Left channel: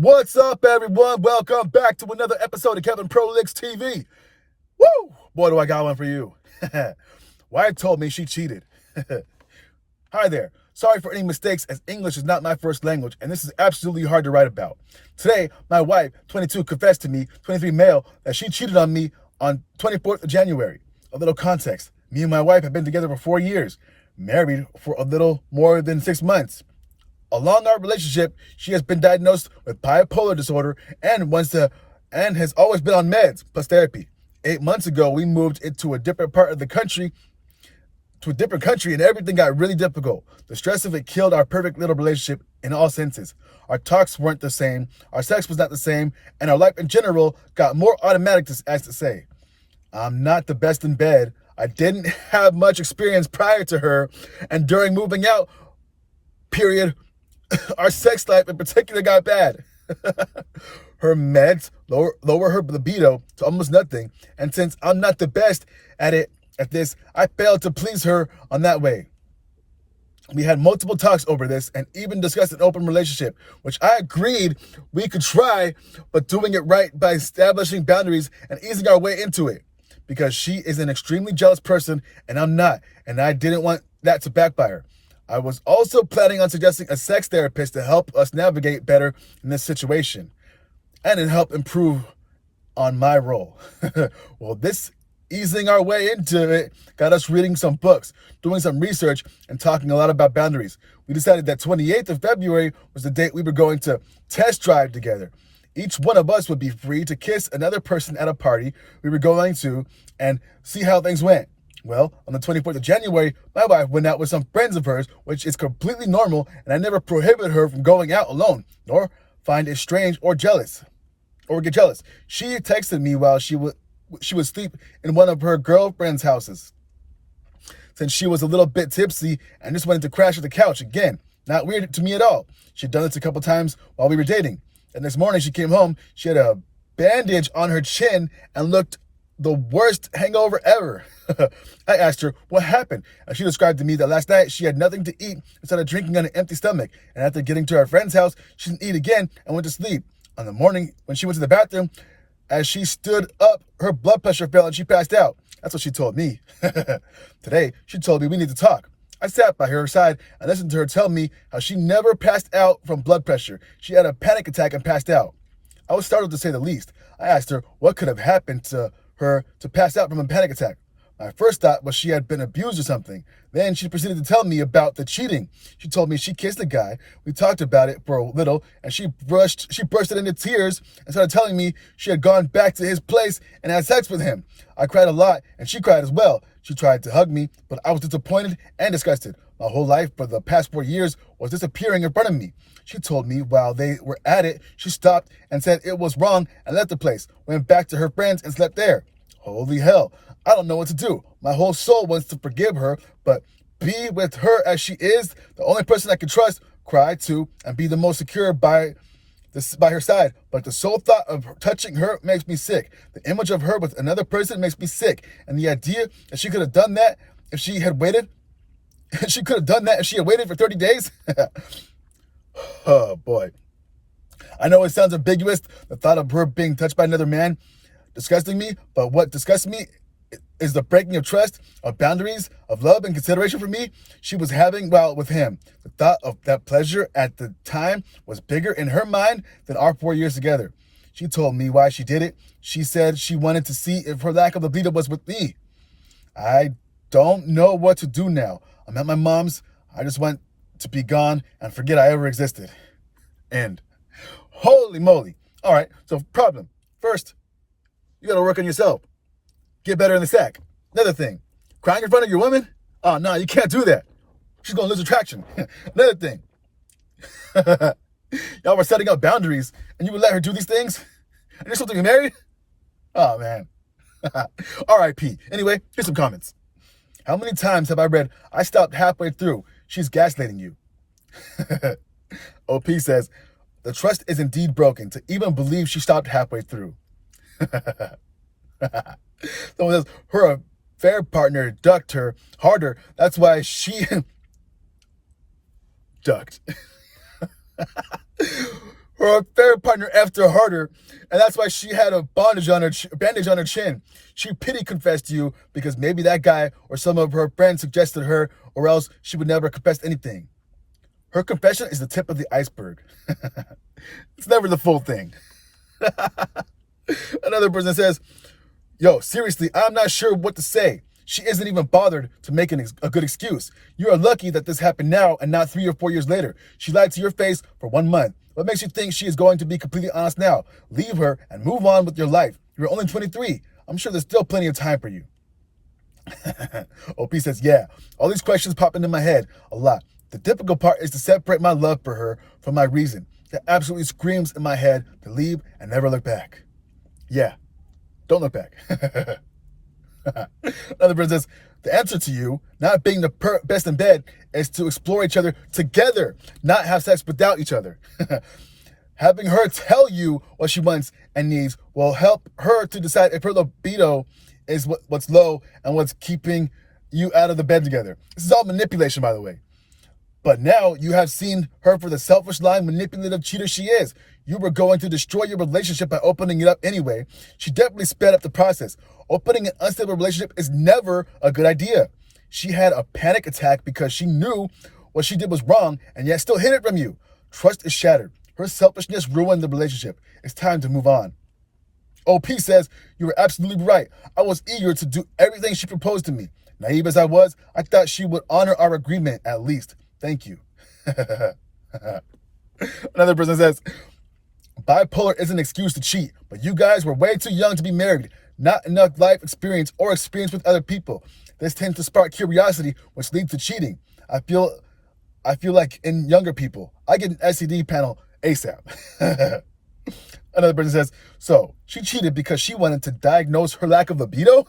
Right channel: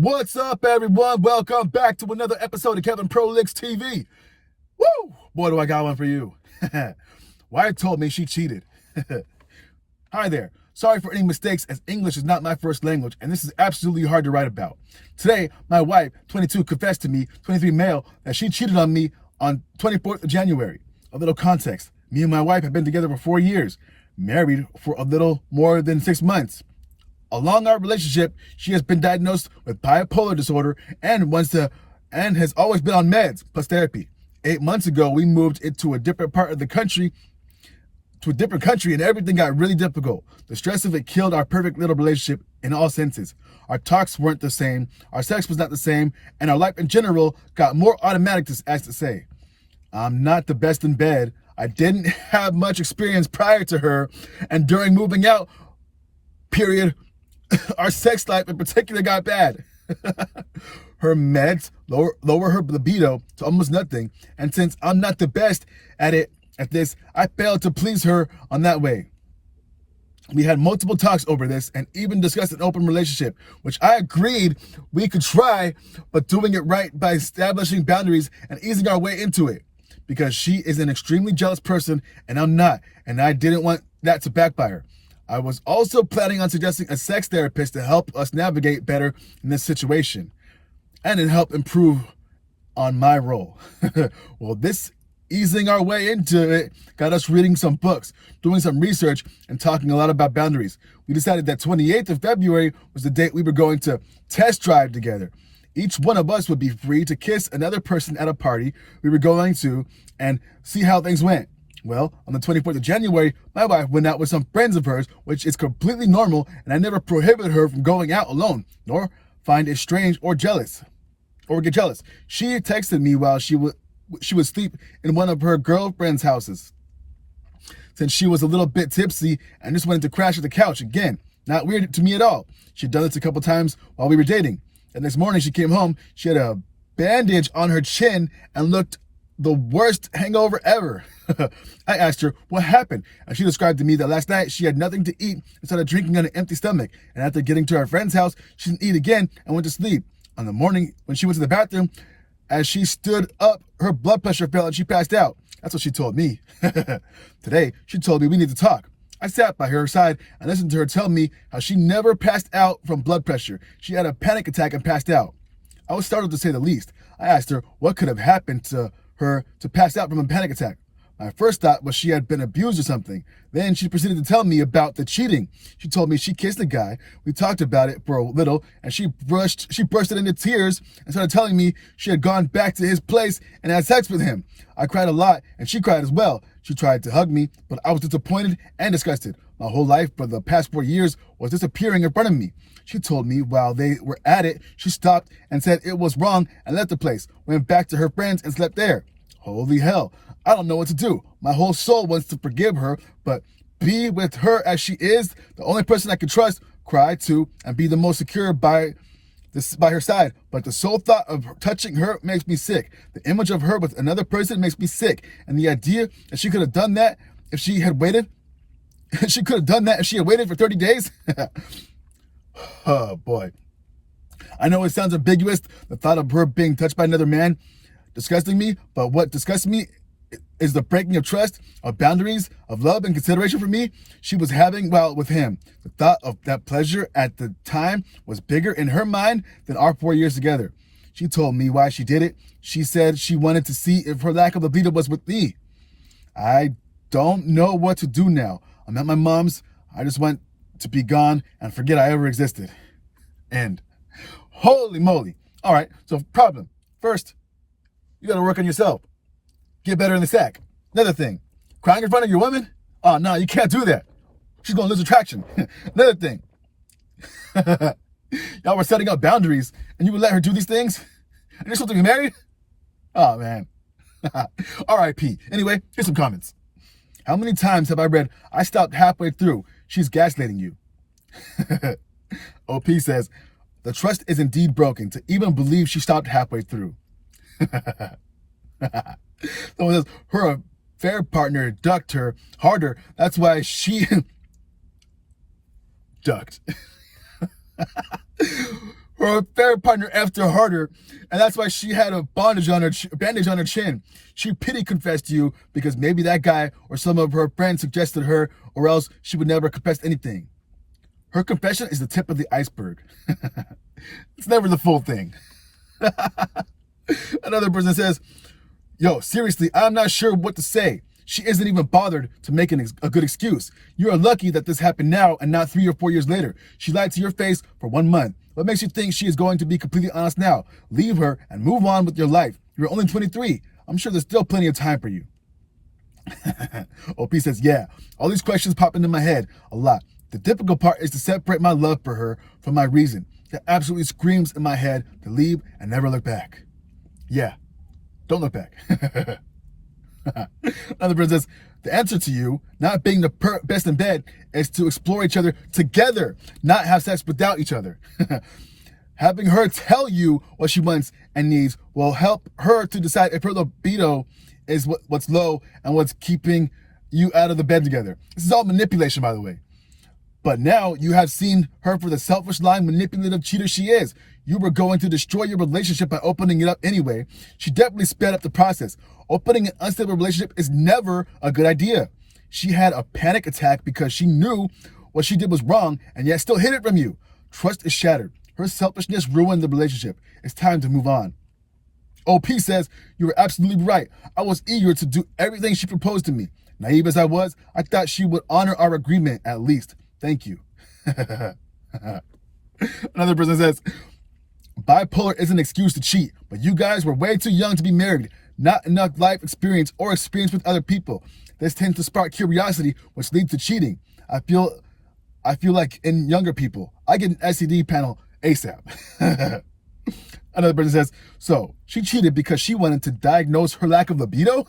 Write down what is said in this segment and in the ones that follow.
What's up, everyone? Welcome back to another episode of Kevin Prolix TV. Woo! Boy, do I got one for you. Wife told me she cheated. Hi there. Sorry for any mistakes, as English is not my first language, and this is absolutely hard to write about. Today, my wife, 22, confessed to me, 23 male, that she cheated on me on 24th of January. A little context. Me and my wife have been together for 4 years, married for a little more than 6 months. Along our relationship, she has been diagnosed with bipolar disorder and has always been on meds plus therapy. 8 months ago, we moved into a different part of the country, and everything got really difficult. The stress of it killed our perfect little relationship in all senses. Our talks weren't the same, our sex was not the same, and our life in general got more automatic, as to say. I'm not the best in bed. I didn't have much experience prior to her, and during moving out, period, our sex life in particular got bad. Her meds lower her libido to almost nothing, and since I'm not the best at this, I failed to please her on that way. We had multiple talks over this and even discussed an open relationship, which I agreed we could try, but doing it right by establishing boundaries and easing our way into it. Because she is an extremely jealous person and I'm not, and I didn't want that to backfire. I was also planning on suggesting a sex therapist to help us navigate better in this situation and to help improve on my role. Well, this easing our way into it got us reading some books, doing some research, and talking a lot about boundaries. We decided that 28th of February was the date we were going to test drive together. Each one of us would be free to kiss another person at a party we were going to and see how things went. Well, on the 24th of January, my wife went out with some friends of hers, which is completely normal, and I never prohibited her from going out alone, nor find it strange or get jealous. She texted me while she would sleep in one of her girlfriend's houses, since she was a little bit tipsy and just wanted to crash at the couch again. Not weird to me at all. She'd done this a couple times while we were dating. And next morning she came home, she had a bandage on her chin and looked the worst hangover ever. I asked her what happened, and she described to me that last night she had nothing to eat and started drinking on an empty stomach, and after getting to her friend's house, she didn't eat again and went to sleep. On the morning, when she went to the bathroom, as she stood up, her blood pressure fell and she passed out. That's what she told me. Today, she told me we need to talk. I sat by her side and listened to her tell me how she never passed out from blood pressure. She had a panic attack and passed out. I was startled to say the least. I asked her what could have happened to her to pass out from a panic attack. My first thought was she had been abused or something. Then she proceeded to tell me about the cheating. She told me she kissed a guy. We talked about it for a little, and she bursted into tears and started telling me she had gone back to his place and had sex with him. I cried a lot, and she cried as well. She tried to hug me, but I was disappointed and disgusted. My whole life for the past 4 years was disappearing in front of me. She told me while they were at it, she stopped and said it was wrong and left the place, went back to her friends and slept there. Holy hell, I don't know what to do. My whole soul wants to forgive her, but be with her as she is, the only person I can trust, cry to, and be the most secure by her side. But the sole thought of touching her makes me sick. The image of her with another person makes me sick. And the idea that she could have done that if she had waited, for 30 days. Oh boy. I know it sounds ambiguous, the thought of her being touched by another man disgusting me, but what disgusts me is the breaking of trust, of boundaries, of love and consideration for me she was having while with him. The thought of that pleasure at the time was bigger in her mind than our 4 years together. She told me why she did it. She said she wanted to see if her lack of libido was with me. I don't know what to do now. I'm at my mom's. I just want to be gone and forget I ever existed. End. Holy moly. All right, so problem. First, you gotta work on yourself. Get better in the sack. Another thing, crying in front of your woman? Oh, no, you can't do that. She's gonna lose attraction. Another thing, y'all were setting up boundaries and you would let her do these things? And you're supposed to be married? Oh, man. R.I.P. Anyway, here's some comments. How many times have I read, I stopped halfway through, she's gaslighting you? OP says, the trust is indeed broken to even believe she stopped halfway through. Someone says, her affair partner ducked her harder. That's why she ducked. Her affair partner effed her harder, and that's why she had a bandage on her chin. She pity confessed to you because maybe that guy or some of her friends suggested her, or else she would never confess anything. Her confession is the tip of the iceberg. It's never the full thing. Another person says, yo, seriously, I'm not sure what to say. She isn't even bothered to make a good excuse. You are lucky that this happened now and not 3 or 4 years later. She lied to your face for 1 month. What makes you think she is going to be completely honest now? Leave her and move on with your life. You're only 23. I'm sure there's still plenty of time for you. OP says, yeah, all these questions pop into my head a lot. The difficult part is to separate my love for her from my reason. That absolutely screams in my head to leave and never look back. Yeah, don't look back. Another person says, the answer to you not being the best in bed is to explore each other together, not have sex without each other. Having her tell you what she wants and needs will help her to decide if her libido is what's low and what's keeping you out of the bed together. This is all manipulation, by the way. But now you have seen her for the selfish, lying, manipulative cheater she is. You were going to destroy your relationship by opening it up anyway. She definitely sped up the process. Opening an unstable relationship is never a good idea. She had a panic attack because she knew what she did was wrong and yet still hid it from you. Trust is shattered. Her selfishness ruined the relationship. It's time to move on. OP says, you were absolutely right. I was eager to do everything she proposed to me. Naive as I was, I thought she would honor our agreement at least. Thank you. Another person says, bipolar is an excuse to cheat, but you guys were way too young to be married. Not enough life experience or experience with other people. This tends to spark curiosity, which leads to cheating. I feel like in younger people, I get an STD panel ASAP. Another person says, so she cheated because she wanted to diagnose her lack of libido?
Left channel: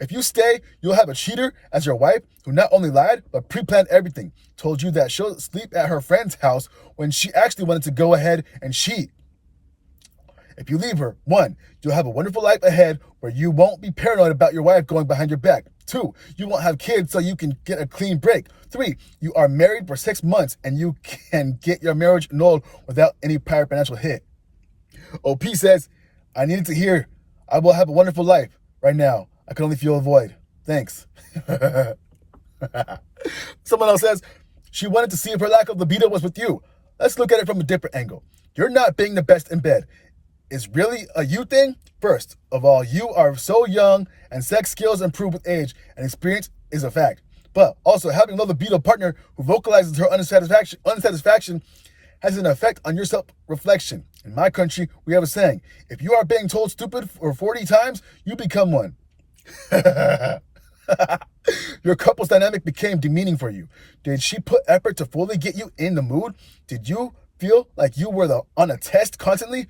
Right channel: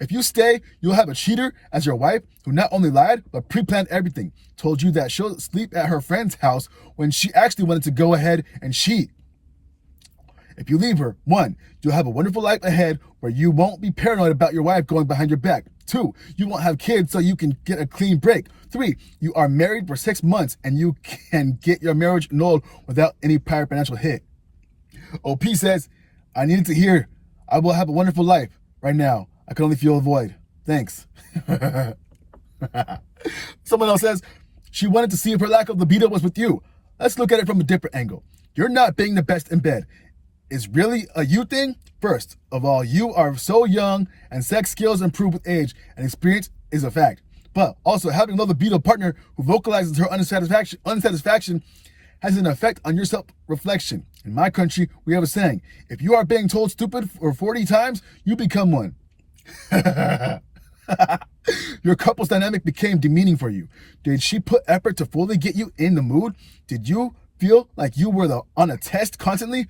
If you stay, you'll have a cheater as your wife who not only lied, but pre-planned everything. Told you that she'll sleep at her friend's house when she actually wanted to go ahead and cheat. If you leave her, 1, you'll have a wonderful life ahead where you won't be paranoid about your wife going behind your back. 2, you won't have kids so you can get a clean break. 3, you are married for 6 months and you can get your marriage annulled without any prior financial hit. OP says, I needed to hear, I will have a wonderful life. Right now, I can only feel a void. Thanks. Someone else says, she wanted to see if her lack of libido was with you. Let's look at it from a different angle. You're not being the best in bed. Is really a you thing? First of all, you are so young and sex skills improve with age and experience is a fact. But also having a low libido partner who vocalizes her unsatisfaction has an effect on your self-reflection. In my country, we have a saying, if you are being told stupid for 40 times, you become one. Your couple's dynamic became demeaning for you. Did she put effort to fully get you in the mood? Did you feel like you were on a test constantly?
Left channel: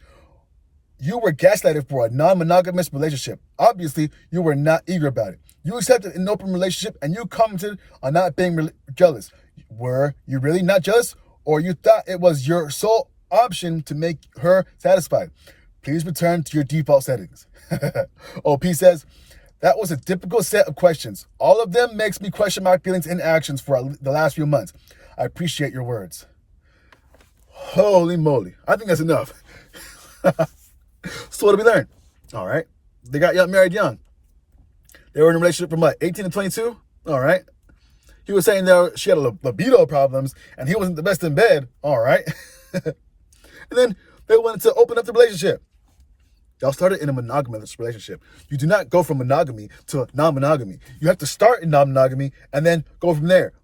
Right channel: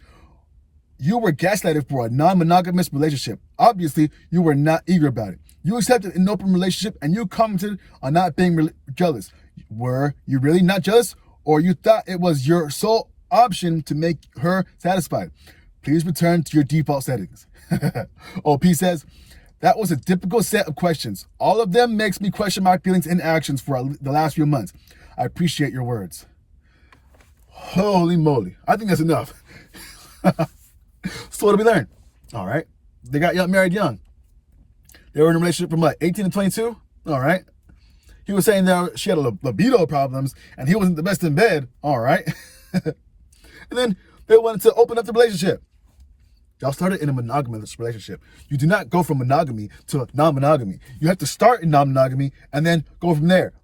You were gaslighted for a non-monogamous relationship. Obviously, you were not eager about it. You accepted an open relationship and you commented on not being jealous. Were you really not jealous? Or you thought it was your sole option to make her satisfied? Please return to your default settings. OP says, that was a difficult set of questions. All of them makes me question my feelings and actions for the last few months. I appreciate your words. Holy moly. I think that's enough. So what did we learn? All right. They got married young. They were in a relationship from 18 to 22? All right. He was saying that she had libido problems and he wasn't the best in bed. All right. And then they wanted to open up the relationship. Y'all started in a monogamous relationship. You do not go from monogamy to non-monogamy. You have to start in non-monogamy and then go from there.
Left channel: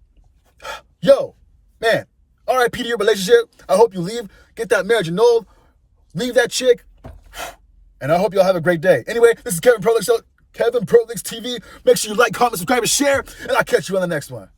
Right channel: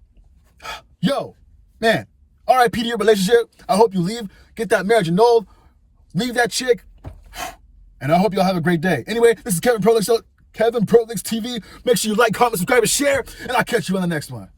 Yo, man, RIP to your relationship. I hope you leave, get that marriage annulled, leave that chick, and I hope y'all have a great day. Anyway, this is Kevin Prolix Show, Kevin Prolix TV. Make sure you like, comment, subscribe, and share, and I'll catch you on the next one.